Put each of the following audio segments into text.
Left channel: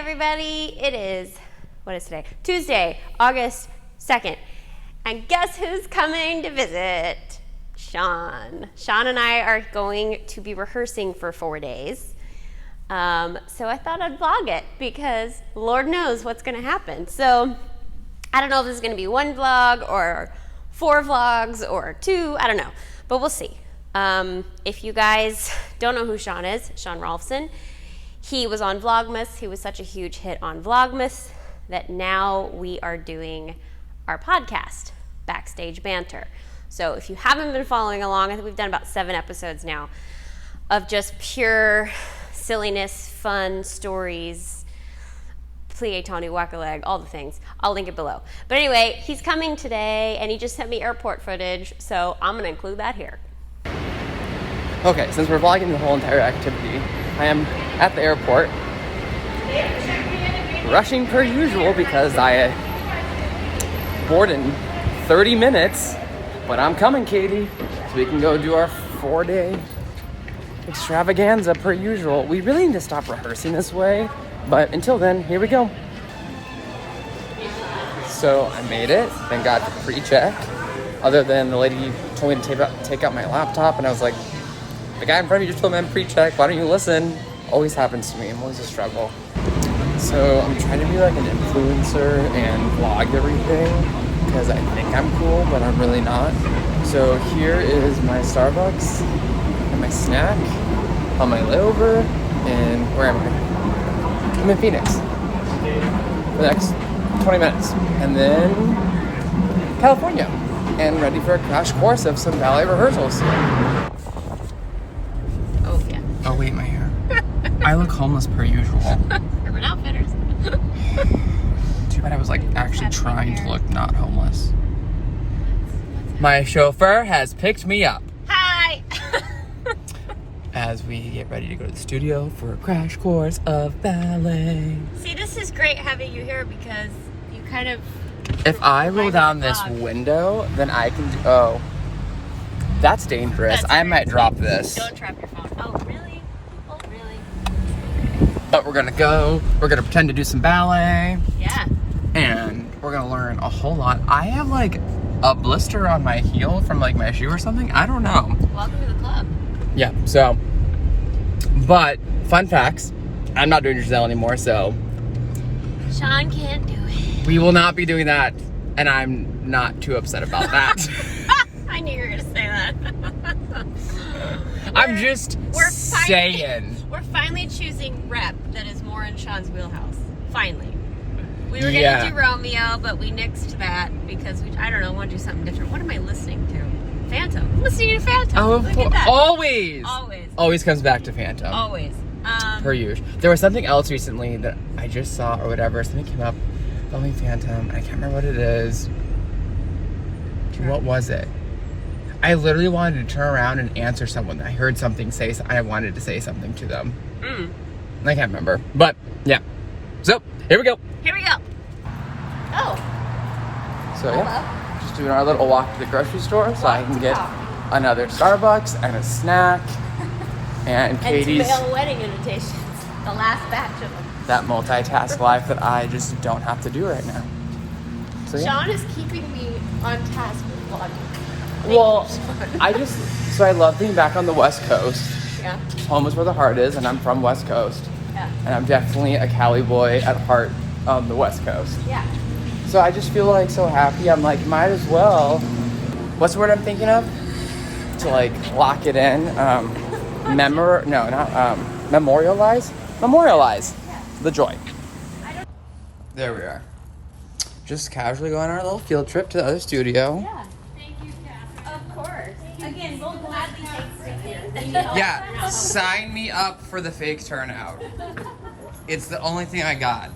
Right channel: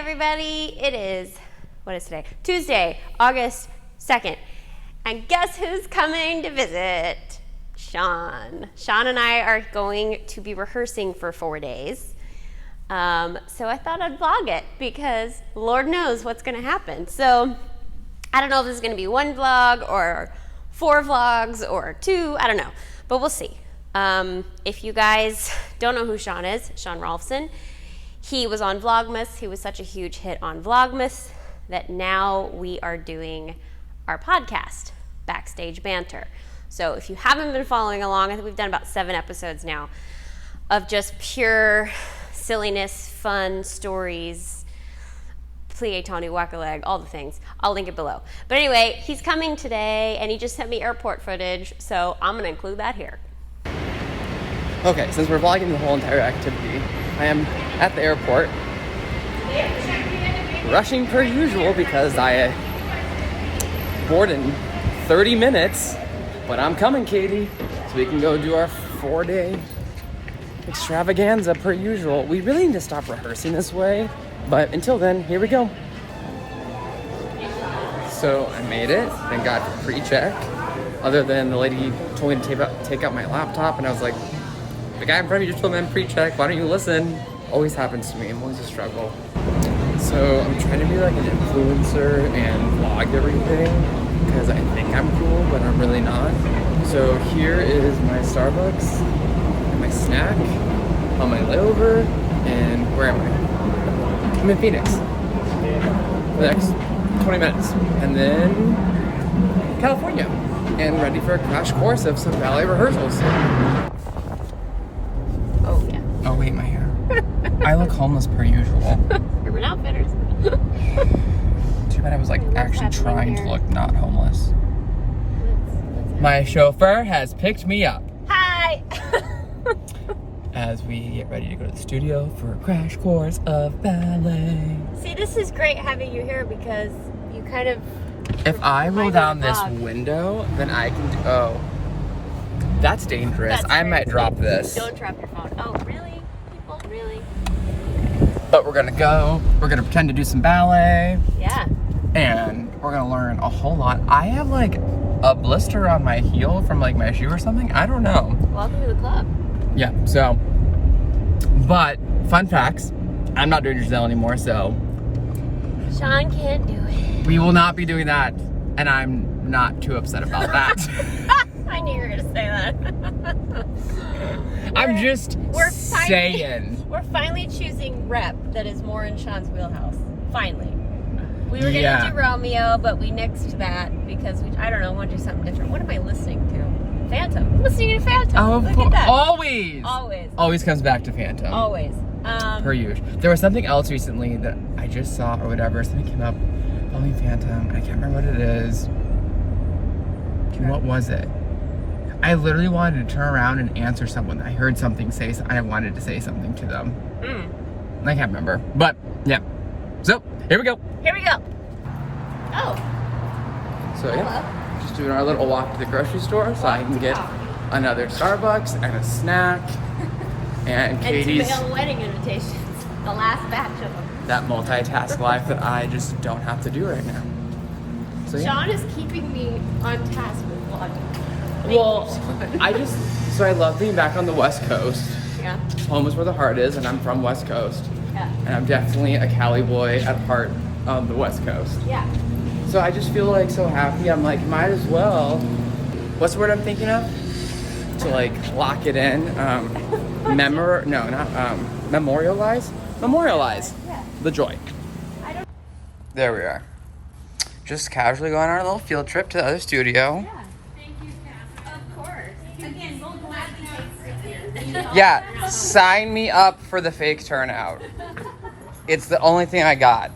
everybody. It is, what is today? Tuesday, August 2nd. And guess who's coming to visit? Sean. Sean and I are going to be rehearsing for 4 days. So I thought I'd vlog it because Lord knows what's going to happen. So I don't know if this is going to be one vlog or 4 vlogs or 2. I don't know, but we'll see. If you guys don't know who Sean is, Sean Rollofson, he was on Vlogmas. He was such a huge hit on Vlogmas that now we are doing our podcast, Backstage Banter. So if you haven't been following along, I think we've done about 7 episodes now of just pure silliness, fun stories, plie, tanu, whack-a-leg, all the things. I'll link it below. But anyway, he's coming today, and he just sent me airport footage, so I'm going to include that here. Okay, since we're vlogging the whole entire activity, I am at the airport, rushing per usual because I board in 30 minutes, but I'm coming, Katie, so we can go do our 4-day extravaganza per usual. We really need to stop rehearsing this way, but until then, here we go. So I made it, thank God for pre-check, other than the lady told me to take out my laptop, and I was like, the guy in front of you just told me I'm pre-check, why don't you listen? Always happens to me, I'm always a struggle. So I'm trying to be like an influencer and vlog everything because I think I'm cool, but I'm really not. So here is my Starbucks and my snack on my layover, and where am I? I'm in Phoenix for the next 20 minutes, and then California, and ready for a crash course of some ballet rehearsals. Oh wait, my hair. I look homeless per usual. Urban Outfitters. Too bad I was like actually trying to look not homeless. My chauffeur has picked me up. Hi! As we get ready to go to the studio for a crash course of ballet. See, this is great having you here because you kind of... If I roll down this window, then I can do... Oh. That's dangerous. I might drop this. Don't drop your phone. Oh, really? Really? But we're gonna go. We're gonna pretend to do some ballet. Yeah. And we're gonna learn a whole lot. I have like a blister on my heel from like my shoe or something. I don't know. Welcome to the club. Yeah, so. But, fun facts. I'm not doing Giselle anymore, so. Sean can't do it. We will not be doing that. And I'm not too upset about that. I knew you were going to say that. I'm just saying. We're finally choosing rep that is more in Sean's wheelhouse. Finally. We were going to do Romeo, but we nixed that because I don't know, want to do something different. What am I listening to? Phantom. I'm listening to Phantom. Oh, of course. Always. Always comes back to Phantom. Always. Per usual. There was something else recently that I just saw or whatever. Something came up. Only Phantom. I can't remember what it is. What was it? I literally wanted to turn around and answer someone. I heard something say, I wanted to say something to them. I can't remember, but yeah. So, here we go. Here we go. Oh. So yeah, just doing our little walk to the grocery store so I can get another Starbucks and a snack. And to mail wedding invitations. The last batch of them. That multitask life that I just don't have to do right now. So, yeah. Sean is keeping me on task with vlogging. Well, so I love being back on the West Coast. Yeah. Home is where the heart is, and I'm from West Coast. Yeah. And I'm definitely a Cali boy at heart on the West Coast. Yeah. So I just feel like so happy. I'm like, might as well. What's the word I'm thinking of? To like lock it in. Memorialize? Memorialize the joy. There we are. Just casually going on our little field trip to the other studio. Yeah. Thank you, Kathryn. Of course. Again, we'll gladly take it. Yeah, sign me up for the fake turnout. It's the only thing I got.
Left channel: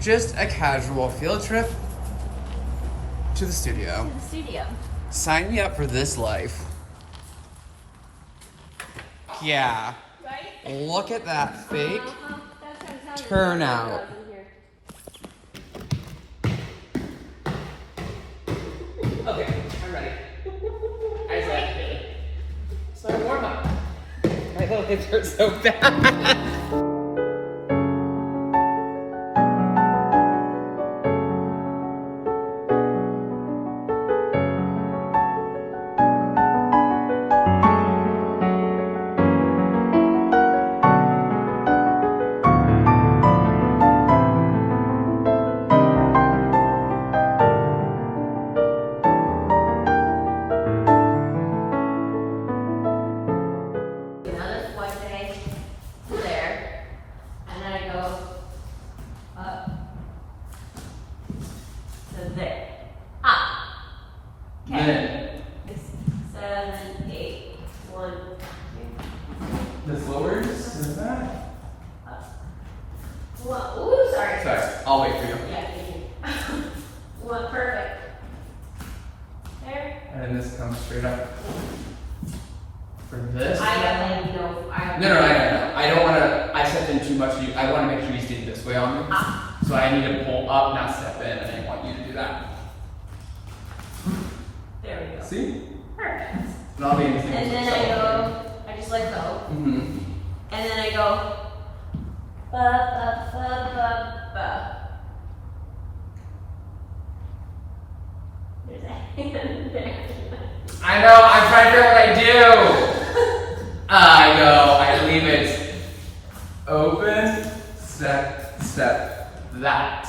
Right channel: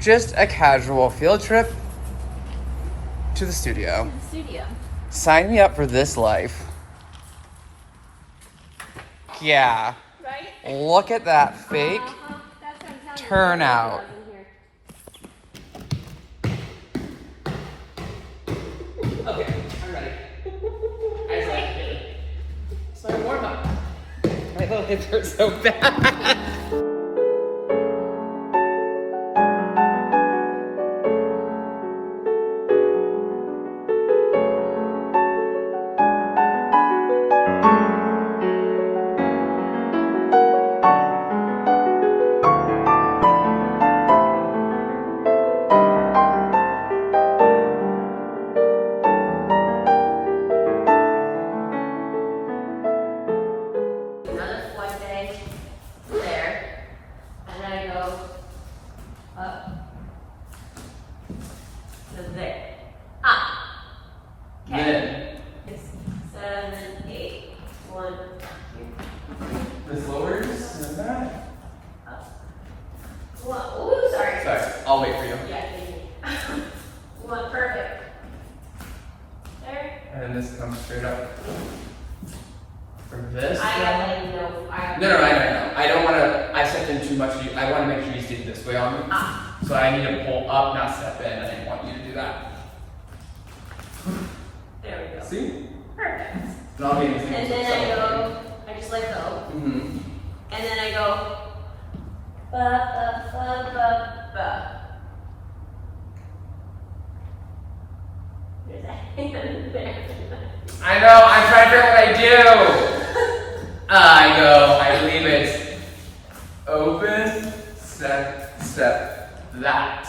Just a casual field trip to the studio. Sign me up for this life. Yeah. Look at that fake turnout. Okay, I'm ready. I just like it. It's my warm up. My little hips hurt so bad. too much. I want to make sure you stay this way on me. So I need to pull up, not step in, and I want you to do that. There we go. See? Perfect. And I'll be in the And then I go, I just let go. Mm-hmm. And then I go, ba, ba, ba, ba, ba. There's a hand there. I know, I'm trying to figure out what I do. I go, I believe it's open, step, step, that.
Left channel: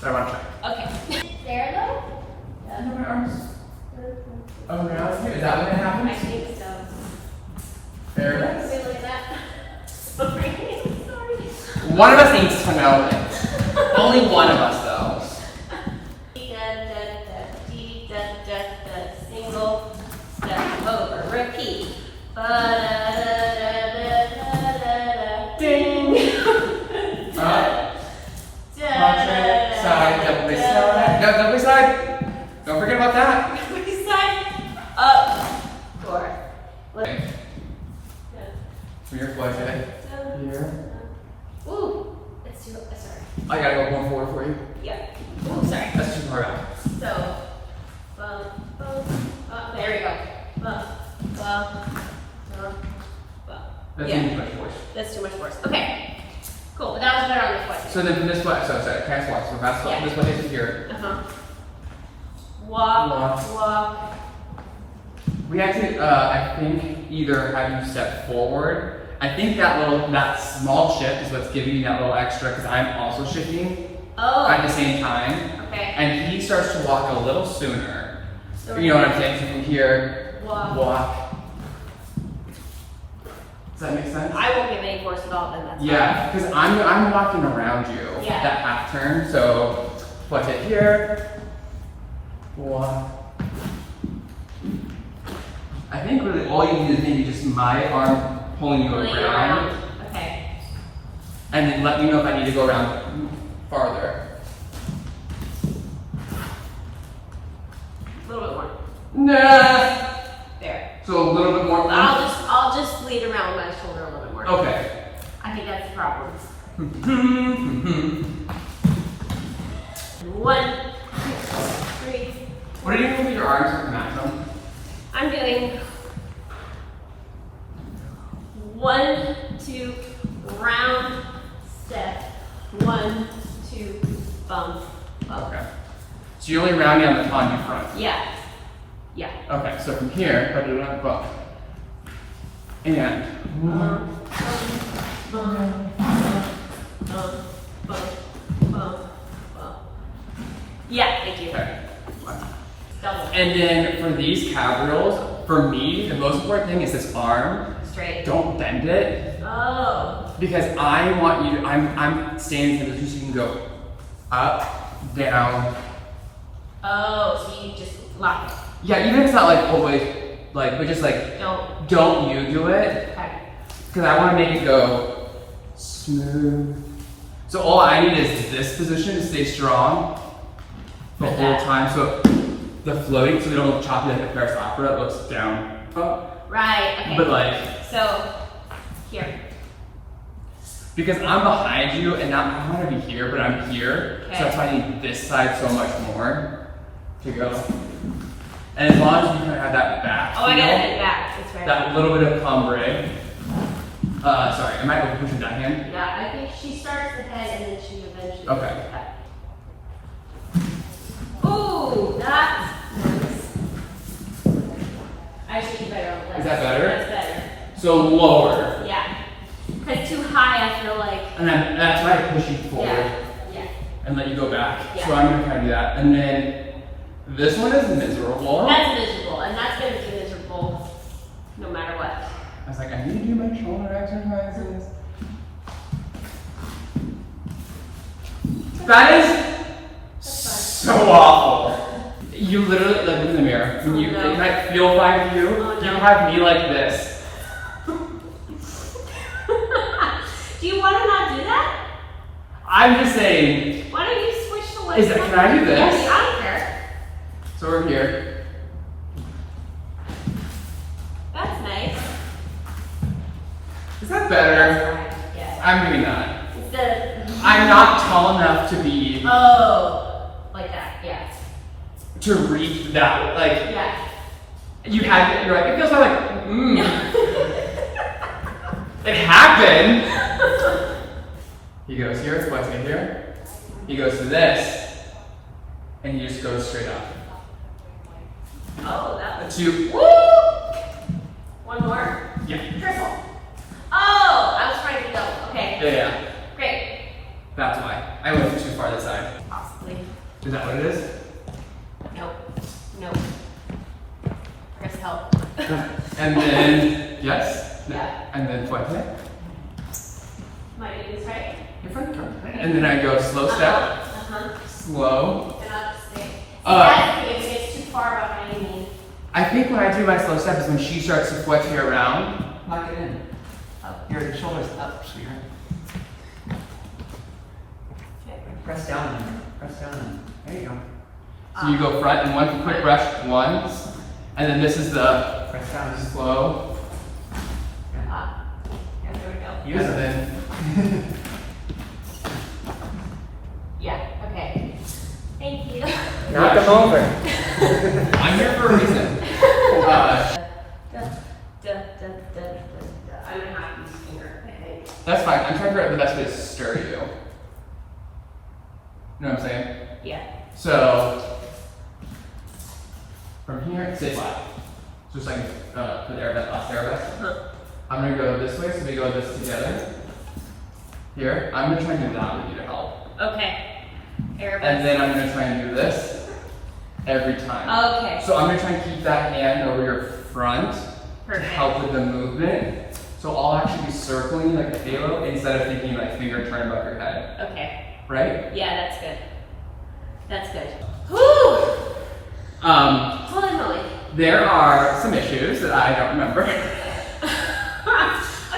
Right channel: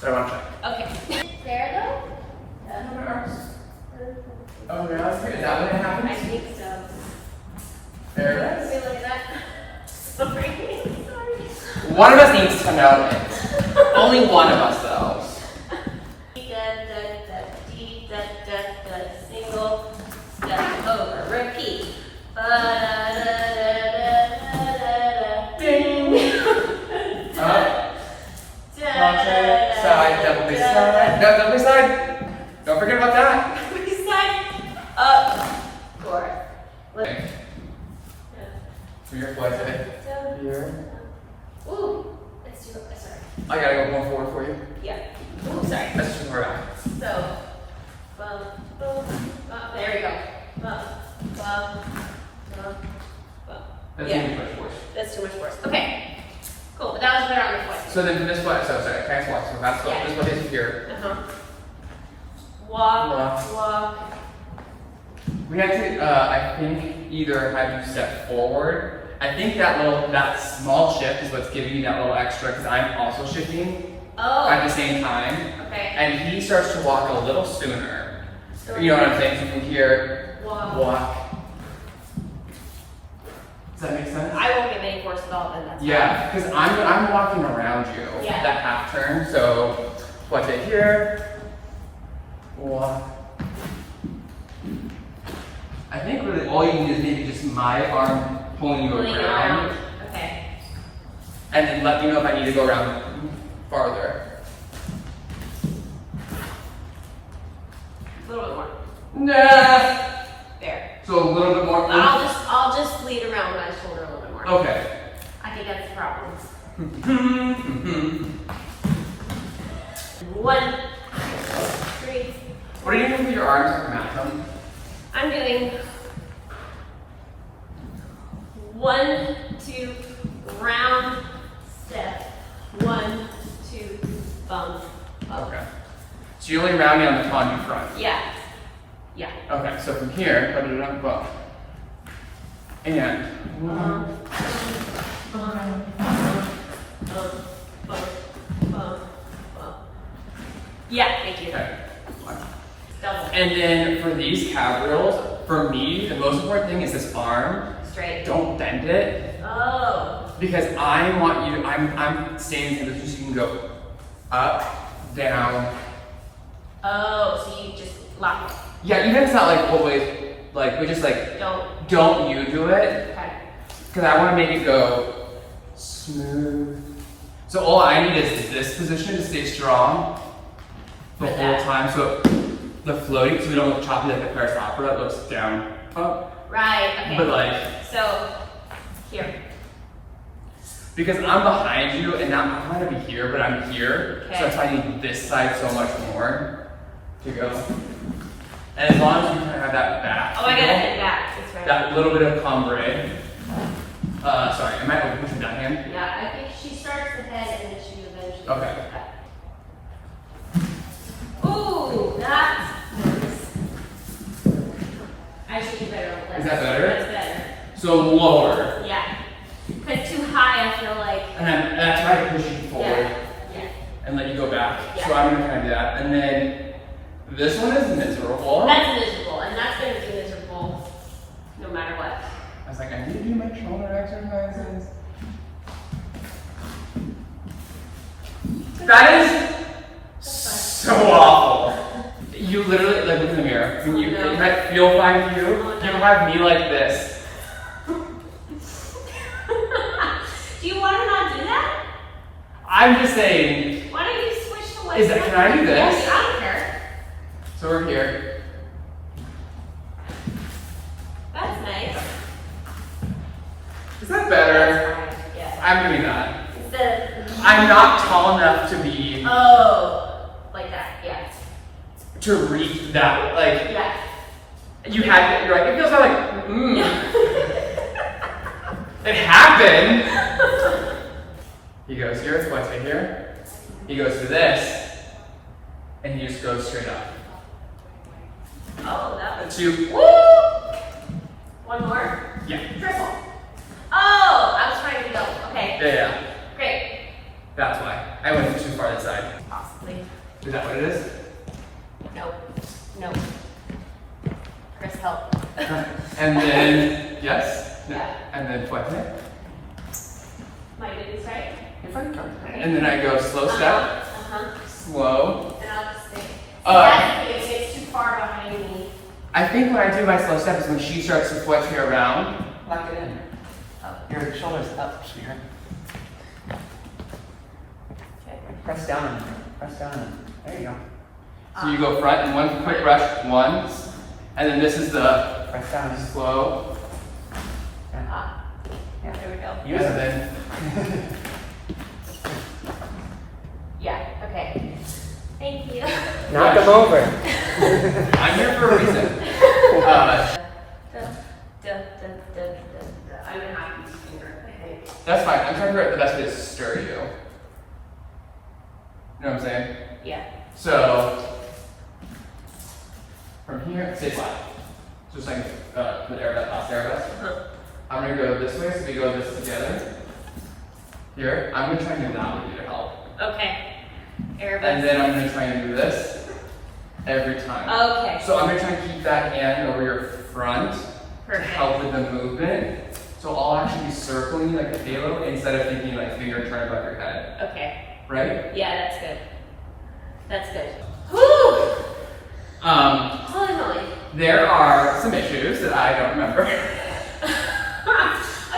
But I want to try. Okay. There though? Oh, now it's good. Is that what happens? I think so. There it is. Can we look at that? Sorry. One of us needs to know it. Only one of us, though. Single step over. Repeat. Ding. Watch it. Side, double side. Double side. Don't forget about that. Up. Forward. Okay. From your foot head. Here. Ooh. It's too, sorry. I gotta go more forward for you. Yeah. Ooh, sorry. That's too far out. So, bum, bum, bum. There we go. Bum, bum, bum, bum. That's Yeah. too much force. That's too much force. Okay. Cool. But that was better on the foot. So then from this foot, so sorry, can I swap? So that's Yeah. this foot is here. Walk, walk. We have to, I think, either have you step forward. I think that small shift is what's giving you that little extra because I'm also shifting at the same time. Okay. And he starts to walk a little sooner. So You know what I'm saying? So here, walk. Does that make sense? I won't give any force at all then. That's Yeah, because I'm walking around you. Yeah. That half turn. So watch it here. Walk. I think really all you need is maybe just my arm pulling you around. Okay. And then let me know if I need to go around farther. A little bit more. Nah. There. So a little bit more. I'll just lead around my shoulder a little bit more. Okay. I think that's the problem. 1, 2, 3. What are you doing with your arms to match them? I'm doing 1, 2, round, step. 1, 2, bump, bump. Okay. So you're only rounding on your front. Yeah. Yeah. Okay, so from here, bump. And Yeah, thank you. okay. Double. And then for these cabrioles, for me, the most important thing is this arm. Straight. Don't bend it. Oh. Because I want you to, I'm standing in this position so you can go up, down. Oh, so you just lock it. Yeah, even if it's not like always, like, but just like, don't you do it. Okay. Because I want to make it go smooth. So all I need is this position to stay strong the whole time. So the floating, so we don't look choppy like the Paris opera that looks down, up. Right, okay. But like, so, here. because I'm behind you and now I want to be here, but I'm here. Okay. So that's why I need this side so much more to go. And as long as you kind of have that back. Oh, I gotta head back. That's right. That little bit of cumbre. Sorry, am I pushing that hand? Yeah, I think she starts the head and then she eventually Okay. goes back. Ooh, that's nice. I think better on the left. Is that better? That's better. So lower. Yeah. Because too high, I feel like. And then I try to push you forward Yeah. and let you go back. Yeah. So I'm gonna try to do that. And then this one is miserable. That's miserable, and that's gonna be miserable no matter what. I was like, I need to do my shoulder exercises. That is so awful. You literally, like, look in the mirror. When you, No. if I feel fine for you, Oh, no. you have me like this. Do you want to not do that? I'm just saying. Why don't you switch to Is it, can I do this? Yes, I don't care. So we're here. That's nice. Is that better? Yeah, I'm doing that. Instead of... I'm not tall enough to be... Oh, like that, yes. To reach that, like... Yeah. You had, you're like, it feels like, It happened! He goes here, it's what's in here. He goes to this, and he just goes straight up. Oh, that was... 2. Woo! One more? Yeah. Triple. Oh, I was trying to know. Okay. Yeah. Great. That's why. I went too far this side. Possibly. Is that what it is? Nope. Nope. Chris, help. And then, yes? No. Yeah. And then fuerte. Am I doing this right? And then I go slow step, slow. And I'll just say, Uh, if it's too far behind me. I think when I do my slow step is when she starts to fuerte around. Lock it in. Your shoulders up, sweetheart. Okay. Press down. Press down. There you go. So you go front and one quick brush once, and then this is the Press down. slow. Yeah, there we go. Use And it. then Yeah, okay. Thank you. Now come over. I'm here for a reason. I'm gonna have to use finger, I think. That's fine. I'm trying to figure out the best way to stir you. You know what I'm saying? Yeah. So from here, stay flat. Just like the last arabesque. I'm gonna go this way, so we go this together. Here, I'm gonna try and do that with you to help. Okay. And then I'm gonna try and do this every time. Okay. So I'm gonna try and keep that hand over your front Perfect. to help with the movement. So I'll actually be circling like a halo instead of thinking like finger turn above your head. Okay. Right? Yeah, that's good. That's good. Whew! Holy moly. There are some issues that I don't remember.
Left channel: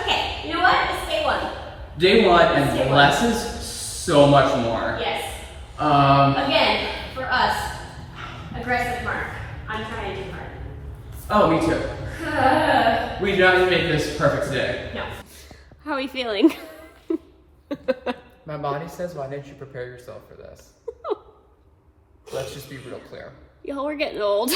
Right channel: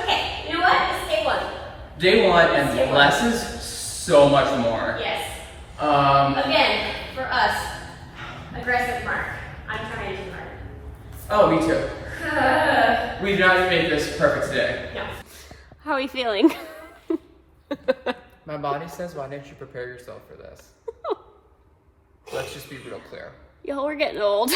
Okay, you know what? It's day one. Day one Day and one. less is so much more. Yes. Um, Again, for us, aggressive mark. I'm trying to do hard. oh, me too. We do not need to make this perfect today. No. How are you feeling? My body says, why didn't you prepare yourself for this? Let's just be real clear. Y'all, we're getting old.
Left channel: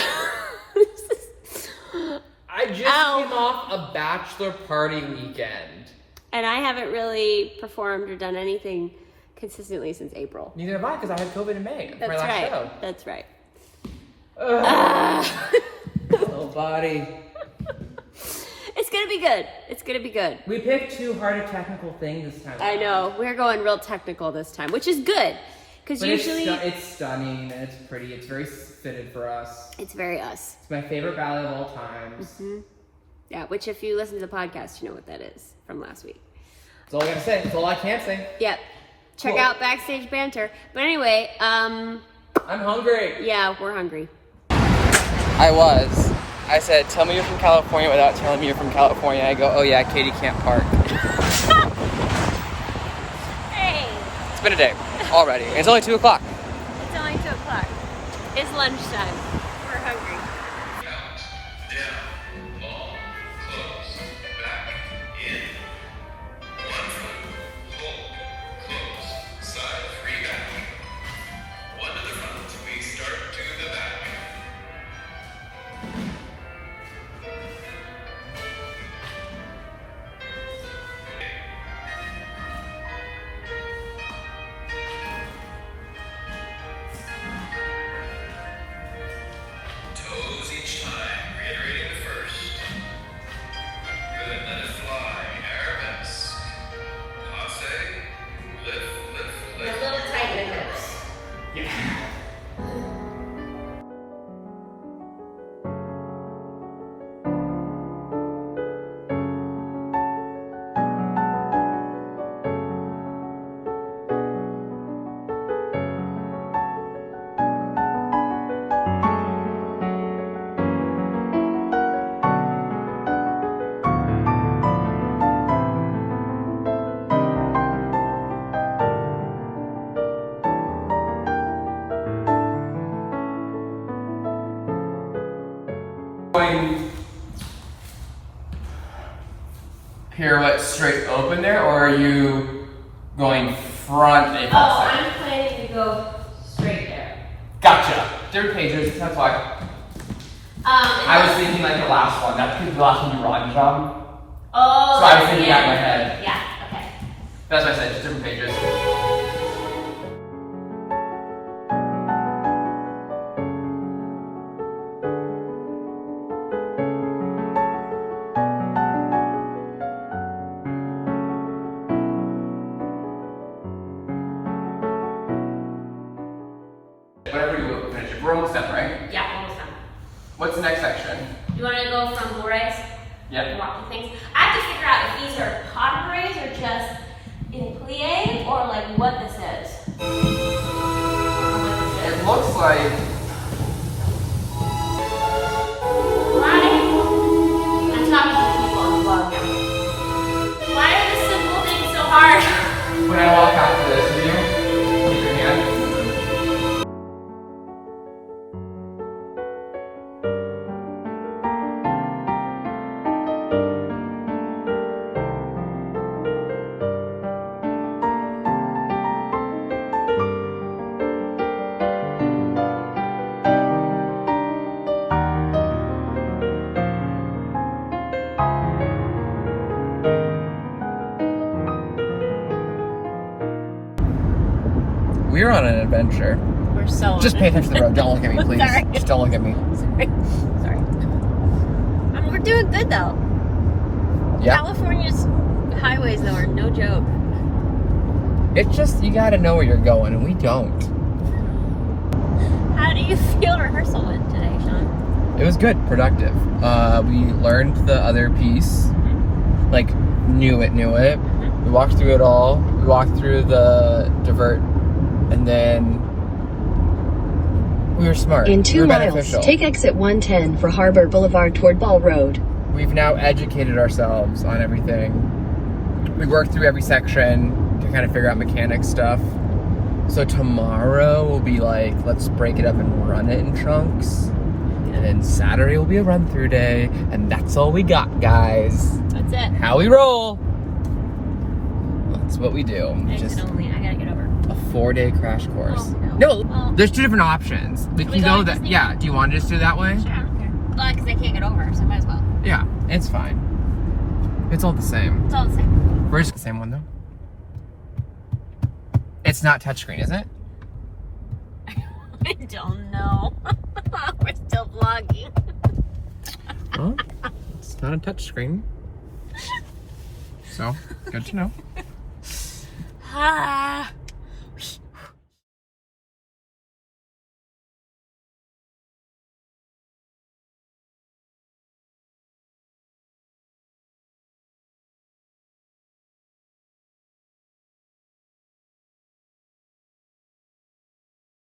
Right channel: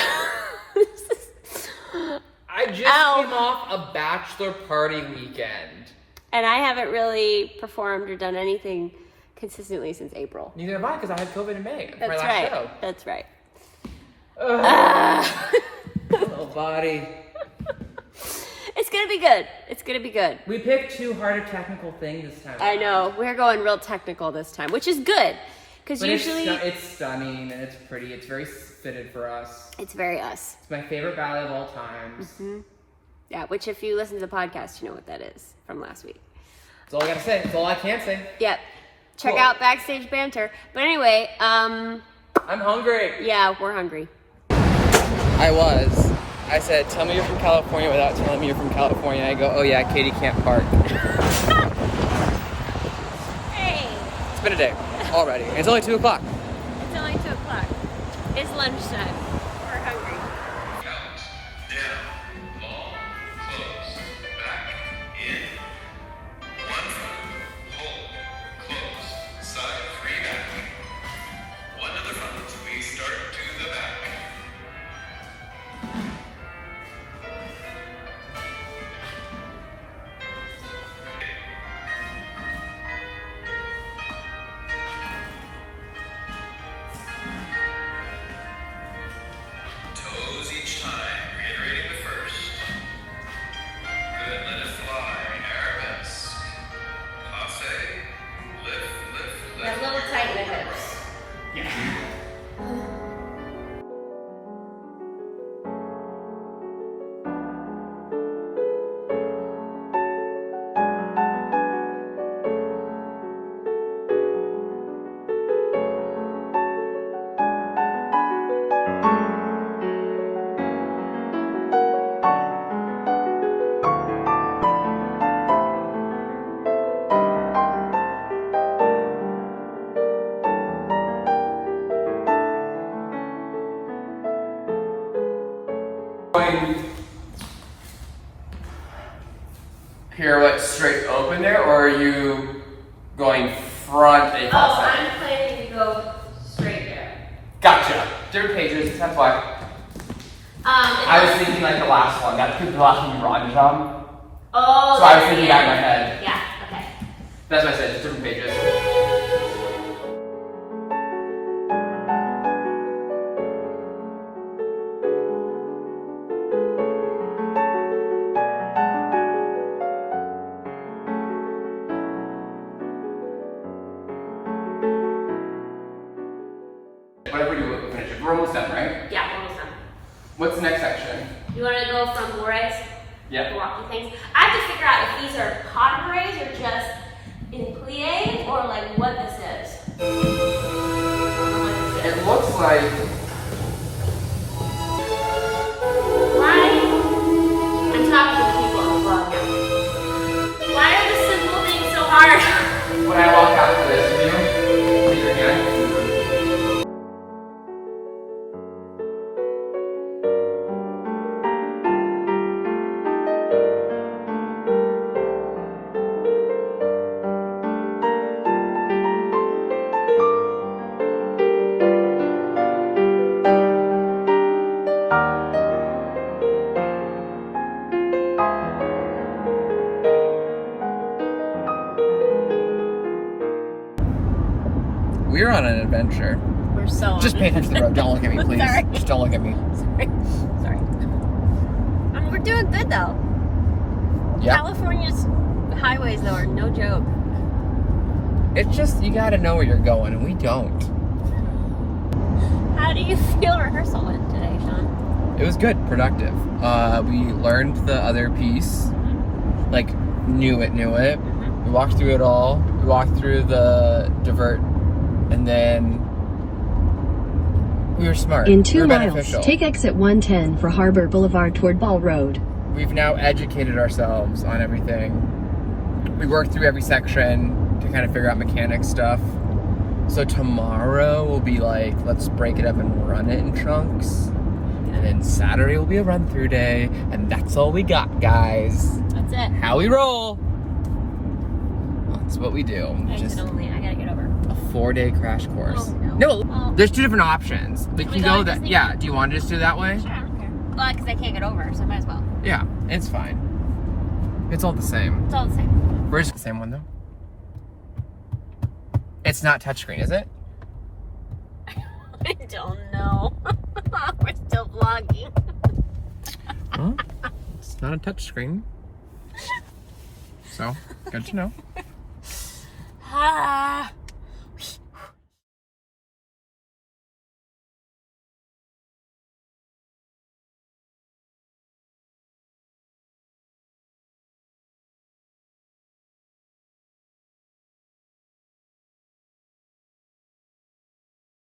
I just Ow. came off a bachelor party weekend. And I haven't really performed or done anything consistently since April. Neither have I, because I had COVID in May for my That's last right. show. That's right. Oh, body. It's gonna be good. It's gonna be good. We picked too hard a technical thing this time. I know. We're going real technical this time, which is good. Because But usually it's stunning and it's pretty. It's very fitted for us. it's very us. It's my favorite ballet of all times. Yeah, which if you listen to the podcast, you know what that is from last week. That's all I gotta say. That's all I can say. Yep. Check Cool. out Backstage Banter. But anyway, I'm hungry. yeah, we're hungry. I was. I said, tell me you're from California without telling me you're from California. I go, oh yeah, Katie can't park. Hey, It's been a day already. And it's only 2 o'clock. it's only 2 o'clock. It's lunchtime. We're hungry. Down, ball, close, back, in, 1, hold, close, side, 3 back, 1 to the front, we start to the back. pirouette straight open there, or are you going front a Oh, I'm planning to go straight there. Gotcha. Different pages, that's why. I was It's thinking like the last one. That's the last one you were on, Tom. oh, So I was that's thinking the out end. of my head. Yeah, okay. That's what I said, just different pages. Whatever you finish it. We're almost done, right? Yeah, almost done. What's the next section? You want to go from Flores? Yeah. Walking things. I have to figure out if these are pas de bourrées or just in plie or like what this is. It looks like I'm talking to people on vlog. Why are the simple things so hard? when I walk out to this view, raise your hand. We're on an adventure. We're so Just pay attention to the road. Don't look at me, please. Sorry. Just don't look at me. Sorry. We're doing good though. Yeah. California's highways though are no joke. It's just, you gotta know where you're going, and we don't. How do you feel rehearsal went today, Sean? It was good, productive. We learned the other piece, like, knew it. We walked through it all. We walked through the divert, and then we were smart. In We 2 were miles, beneficial. take exit 110 for Harbor Boulevard toward Ball Road. We've now educated ourselves on everything. We worked through every section to kind of figure out mechanic stuff. So tomorrow will be like, let's break it up and run it in chunks. And then Saturday will be a run-through day. And that's all we got, guys. That's it. How we roll. That's what we do. Exit Just only. I gotta get over. a 4-day crash course. Oh, no, no. there's 2 different options. We can go that, yeah, do you want to just do it that way? Sure, I don't care. Well, because I can't get over, so I might as well. Yeah, it's fine. It's all the same. It's all the same. Where's the same one though? It's not touchscreen, is it? I don't know. We're still vlogging. Well, it's not a touchscreen. So, good to know. Ah.